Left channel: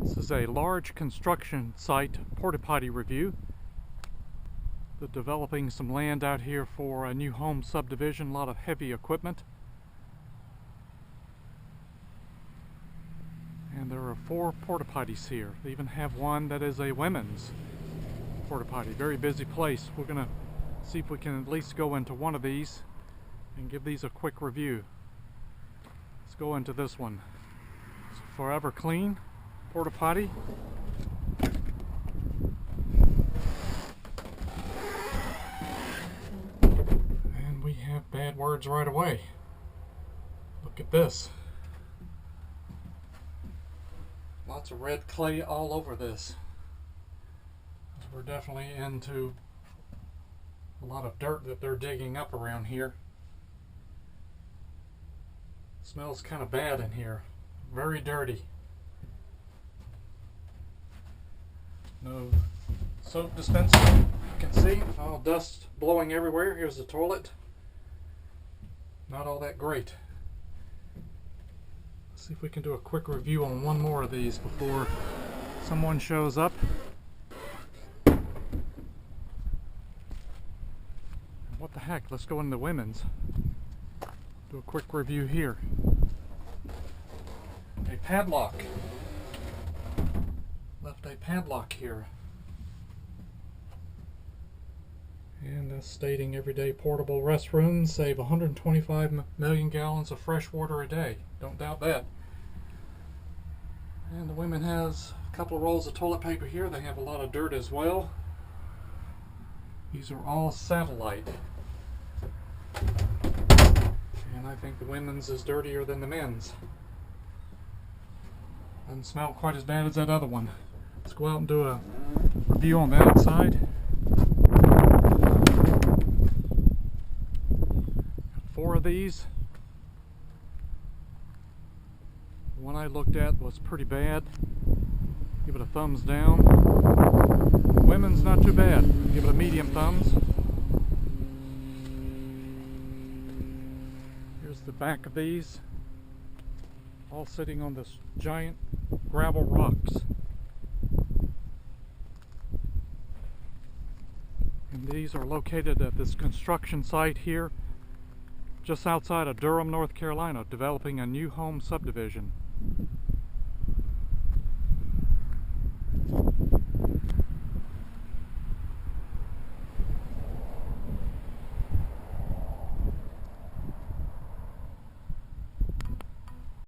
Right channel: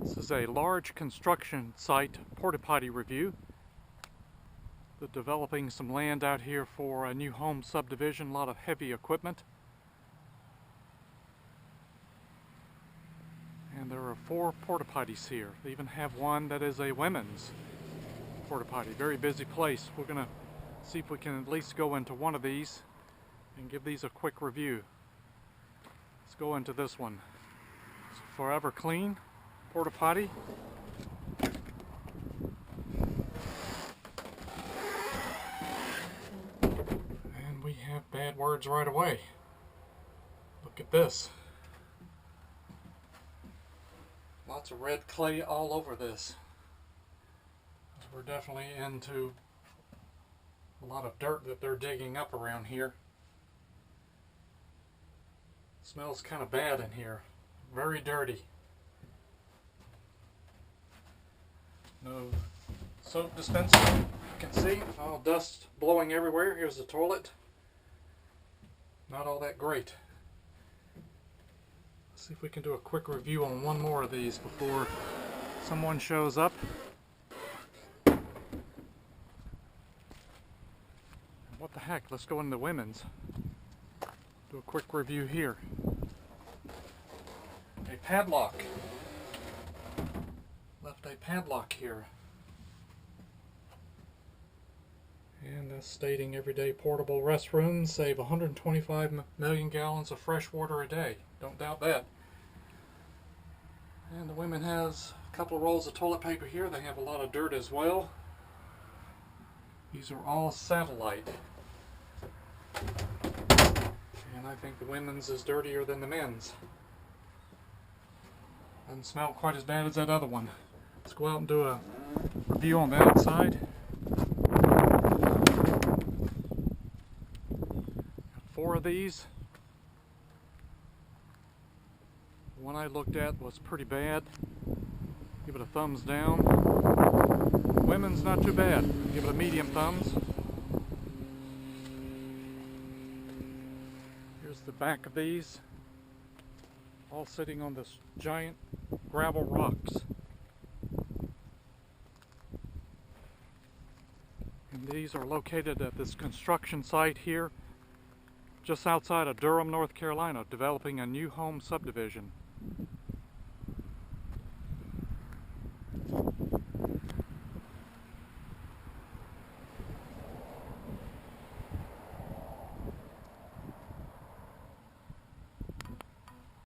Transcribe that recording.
This is a large construction site porta potty review. They're developing some land out here for a new home subdivision, a lot of heavy equipment. And there are 4 porta potties here. They even have one that is a women's porta potty. Very busy place. We're going to see if we can at least go into one of these and give these a quick review. Let's go into this one. It's Forever Clean porta potty. And we have bad words right away. Look at this. Lots of red clay all over this. We're definitely into a lot of dirt that they're digging up around here. Smells kind of bad in here. Very dirty. No soap dispenser. You can see all dust blowing everywhere. Here's the toilet. Not all that great. Let's see if we can do a quick review on one more of these before someone shows up. What the heck? Let's go into the women's. Do a quick review here. A padlock. Left a padlock here. And that's stating everyday portable restrooms save 125 million gallons of fresh water a day. Don't doubt that. And the women has a couple of rolls of toilet paper here. They have a lot of dirt as well. These are all satellite. And I think the women's is dirtier than the men's. Doesn't smell quite as bad as that other one. Let's go out and do a review on the outside. Got 4 of these. The one I looked at was pretty bad. Give it a thumbs down. Women's not too bad. Give it a medium thumbs. Here's the back of these. All sitting on this giant gravel rocks. And these are located at this construction site here, just outside of Durham, North Carolina, developing a new home subdivision.